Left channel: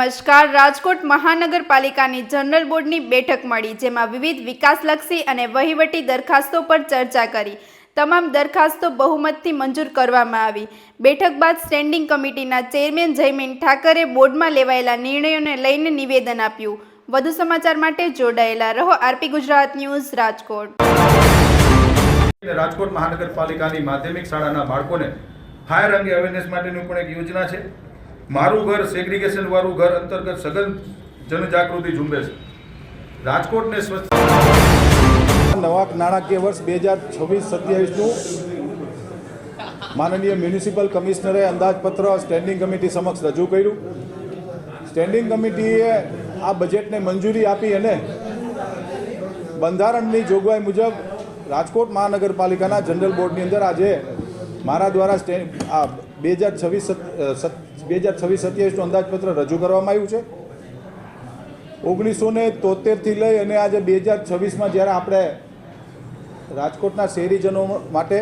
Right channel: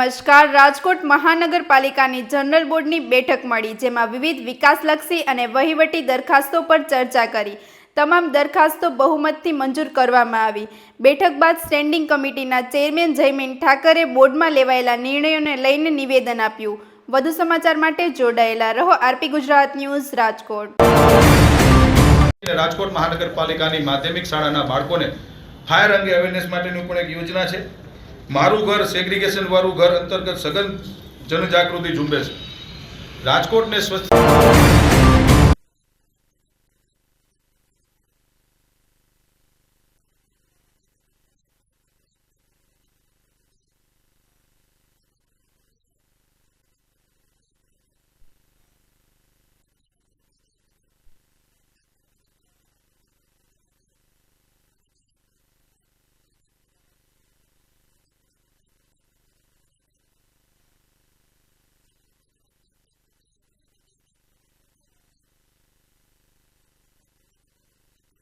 નમસ્કાર. રાજકોટ મહાનગરપાલિકાની જનરલ બોર્ડની બેઠક મળી, જેમાં વિવિધ વિકાસલક્ષી અને વહીવટી દરખાસ્તો પર ચર્ચા કરી. તમામ દરખાસ્તો બહુમતથી મંજૂર કરવામાં આવી. બેઠક બાદ સ્ટેન્ડિંગ કમિટીના ચેરમેન જયમીન ઠાકરે બોર્ડમાં લેવાયેલા નિર્ણયોને લઈને નિવેદન આપ્યું. વધુ સમાચાર માટે જોડાયેલા રહો. RP Gujarat news, Rajkot. રાજકોટ મહાનગરપાલિકાની માધ્યમિક શાળાના બાળકોને ફાયર અંગે અવેરનેસ માટેની પણ એક યોજના છે. મારું ઘર સેગ્રીગેશન વાળું ઘર અંતર્ગત સઘન જનજાગૃતિ ઝુંબેશ રાજકોટને સ્વચ્છ નવા નાણાકીય વર્ષ 2026-27નું માનનીય મ્યુનિસિપલ કમિશનરે અંદાજપત્ર સ્ટેન્ડિંગ કમિટી સમક્ષ રજૂ કર્યું. સ્ટેન્ડિંગ કમિટીએ આ બજેટને મંજૂરી આપી અને બંધારણની જોગવાઈ મુજબ રાજકોટ મહાનગરપાલિકાના જનરલ બોર્ડની અંદર આજે મારા દ્વારા 2026-27નું અંદાજપત્ર રજૂ કરવામાં આવ્યું છે. 1973થી લઈ અને આજે 2026માં જ્યારે આપણે રાજકોટના શહેરીજનો માટે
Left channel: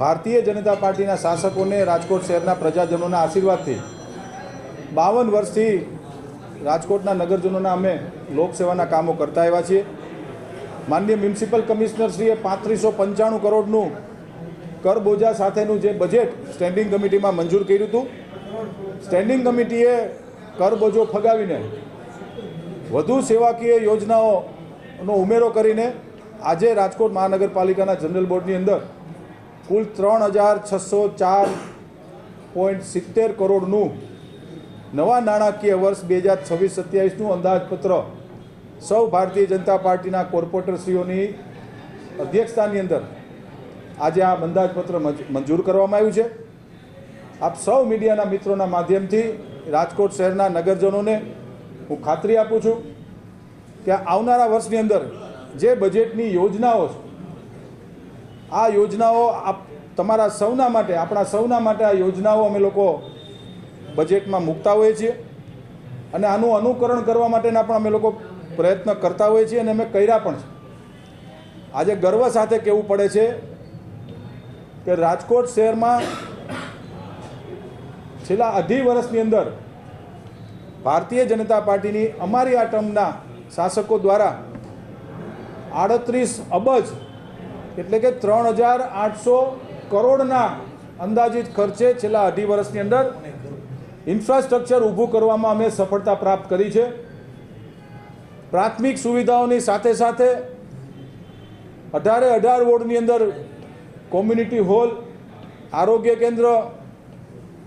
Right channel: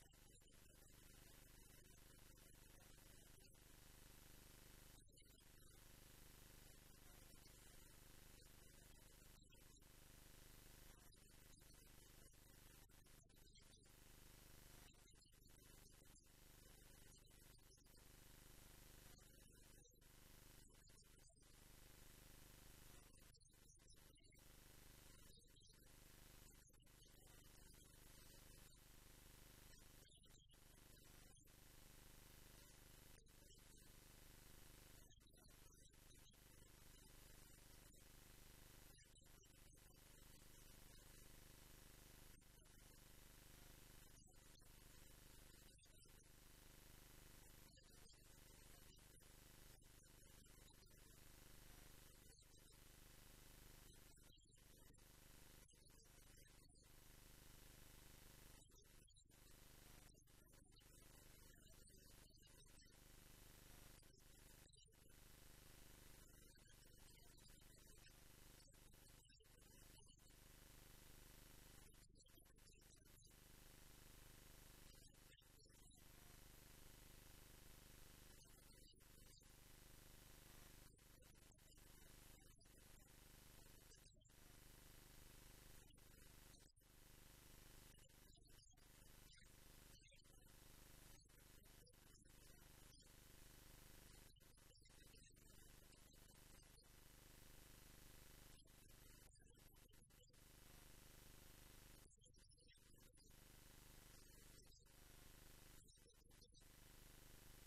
ભારતીય જનતા પાર્ટીના શાસકોને રાજકોટ શહેરના પ્રજાજનોના આશીર્વાદથી 52 વર્ષથી રાજકોટના નગરજનોના અમે લોકસેવાના કામો કરતા આવ્યા છીએ. માનનીય મ્યુનિસિપલ કમિશનરશ્રીએ 3595 કરોડનું કરબોજા સાથેનું જે બજેટ સ્ટેન્ડિંગ કમિટીમાં મંજૂર કર્યું હતું. સ્ટેન્ડિંગ કમિટીએ કરબોજો ફગાવીને વધુ સેવાકીય યોજનાઓનો ઉમેરો કરીને આજે રાજકોટ મહાનગરપાલિકાના જનરલ બોર્ડની અંદર કુલ 3604.70 કરોડનું નવા નાણાકીય વર્ષ 2026-27નું અંદાજપત્ર સૌ ભારતીય જનતા પાર્ટીના કોર્પોરેટરશ્રીઓની અધ્યક્ષતાની અંદર આજે આ અંદાજપત્ર મંજૂર કરવામાં આવ્યું છે. આપ સૌ મીડિયાના મિત્રોના માધ્યમથી રાજકોટ શહેરના નગરજનોને હું ખાતરી આપું છું કે આવનારા વર્ષની અંદર જે બજેટની યોજનાઓ છે, આ યોજનાઓ તમારા સૌના માટે, આપણા સૌના માટે આ યોજનાઓ અમે લોકો બજેટમાં મૂકતા હોઈએ છીએ અને આનું અનુકરણ કરવા માટેના પણ અમે લોકો પ્રયત્ન કરતા હોઈએ છીએ અને અમે કર્યા પણ છે. આજે ગર્વ સાથે કહેવું પડે છે કે રાજકોટ શહેરમાં છેલ્લા અઢી વર્ષની અંદર ભારતીય જનતા પાર્ટીની અમારી આ ટર્મના શાસકો દ્વારા 38 અબજ એટલે કે 3800 કરોડના અંદાજિત ખર્ચે છેલ્લા અઢી વર્ષની અંદર ઇન્ફ્રાસ્ટ્રક્ચર ઊભું કરવામાં અમે સફળતા પ્રાપ્ત કરી છે. પ્રાથમિક સુવિધાઓની સાથે સાથે 18 વોર્ડની અંદર કોમ્યુનિટી હોલ, આરોગ્ય કેન્દ્ર,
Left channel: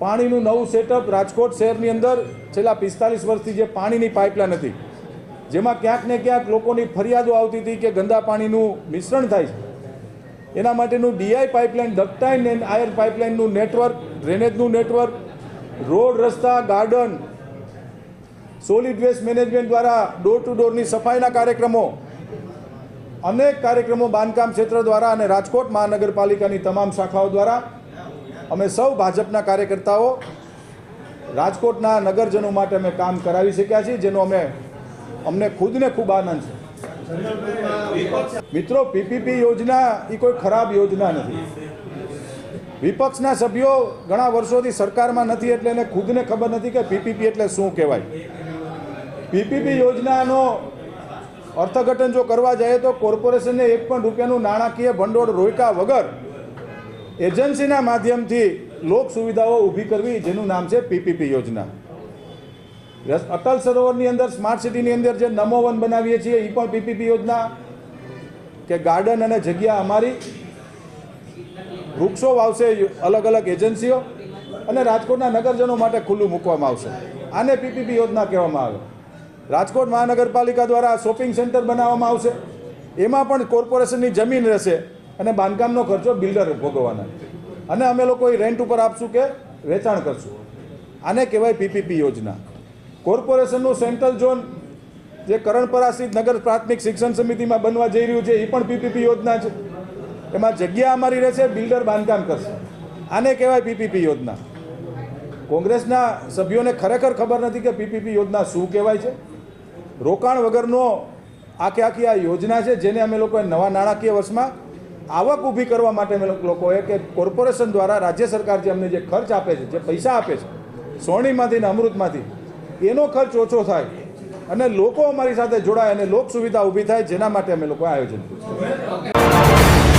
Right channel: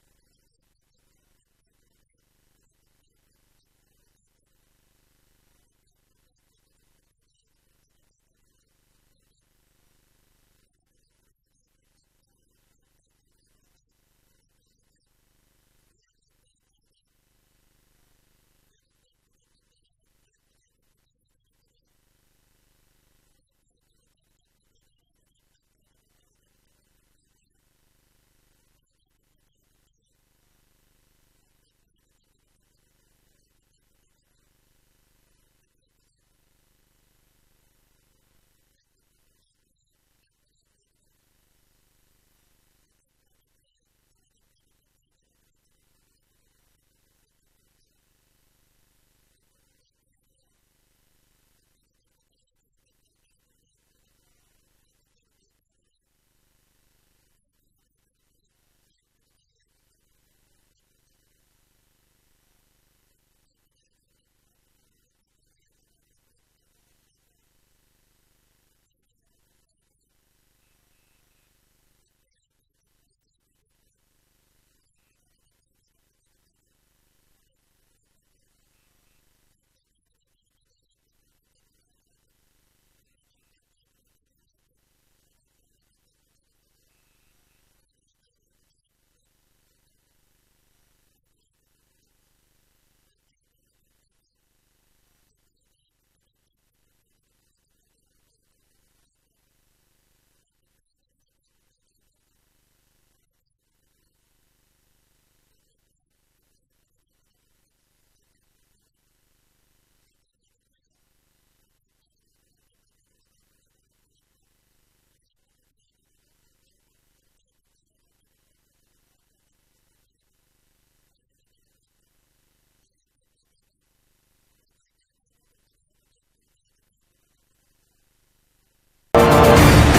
પાણીનું નવું સેટઅપ. રાજકોટ શહેરની અંદર છેલ્લા 45 વર્ષથી જે પાણીની પાઇપલાઇન હતી, જેમાં ક્યાંક ને ક્યાંક લોકોની ફરિયાદો આવતી હતી કે ગંદા પાણીનું મિશ્રણ થાય છે, એના માટેનું DI pipeline, ductile and iron પાઇપલાઇનનું નેટવર્ક, ડ્રેનેજનું નેટવર્ક, રોડ, રસ્તા, ગાર્ડન, સોલિડ વેસ્ટ મેનેજમેન્ટ દ્વારા ડોર ટુ ડોરની સફાઈના કાર્યક્રમો, અનેક કાર્યક્રમો બાંધકામ ક્ષેત્ર દ્વારા અને રાજકોટ મહાનગરપાલિકાની તમામ શાખાઓ દ્વારા અમે સૌ ભાજપના કાર્યકર્તાઓ રાજકોટના નગરજનો માટે અમે કામ કરાવી શક્યા છીએ, જેનો અમને ખુદને ખૂબ આનંદ છે. મિત્રો, પીપીપી યોજના એ કોઈ ખરાબ યોજના નથી. વિપક્ષના સભ્યો ઘણા વર્ષોથી સરકારમાં નથી એટલે એને ખુદને ખબર નથી કે પીપીપી એટલે શું કહેવાય. પીપીપી યોજનાનો અર્થઘટન જો કરવા જાય તો કોર્પોરેશનને 1 પણ રૂપિયાનું નાણાકીય ભંડોળ રોક્યા વગર એજન્સીના માધ્યમથી લોક સુવિધાઓ ઊભી કરવી, જેનું નામ છે પીપીપી યોજના. અટલ સરોવરની અંદર, સ્માર્ટ સિટીની અંદર જે નમો વન બનાવીએ છીએ, એ પણ પીપીપી યોજના. કે ગાર્ડન અને જગ્યા અમારી, વૃક્ષો વાવશે અલગ અલગ એજન્સીઓ અને રાજકોટના નગરજનો માટે ખુલ્લું મૂકવામાં આવશે. આને પીપીપી યોજના કહેવામાં આવે. રાજકોટ મહાનગરપાલિકા દ્વારા શોપિંગ સેન્ટર બનાવવામાં આવશે, એમાં પણ કોર્પોરેશનની જમીન રહેશે અને બાંધકામનો ખર્ચો બિલ્ડર ભોગવવાના અને અમે લોકો રેન્ટ ઉપર આપશું કે વેચાણ કરશું. આને કહેવાય પીપીપી યોજના. કોર્પોરેશનનું સેન્ટ્રલ ઝોન જે કરણપરા સ્થિત નગર પ્રાથમિક શિક્ષણ સમિતિમાં બનવા જઈ રહ્યું છે, એ પણ પીપીપી યોજના છે. એમાં જગ્યા અમારી રહેશે, બિલ્ડર બાંધકામ કરશે. આને કહેવાય પીપીપી યોજના. કોંગ્રેસના સભ્યોને ખરેખર ખબર નથી કે પીપીપી યોજના શું કહેવાય છે. રોકાણ વગરનો આખી આ યોજના છે, જેને અમે લોકોએ નવા નાણાકીય વર્ષમાં આવક ઊભી કરવા માટે અમે લોકોએ કે કોર્પોરેશન દ્વારા રાજ્ય સરકાર જે અમને જે ખર્ચ આપે છે, જે પૈસા આપે છે, સોણીમાંથી ને અમૃતમાંથી, એનો ખર્ચ ઓછો થાય અને લોકો અમારી સાથે જોડાય અને લોક સુવિધા ઊભી થાય, જેના માટે અમે લોકો આયોજન કર્યું છે.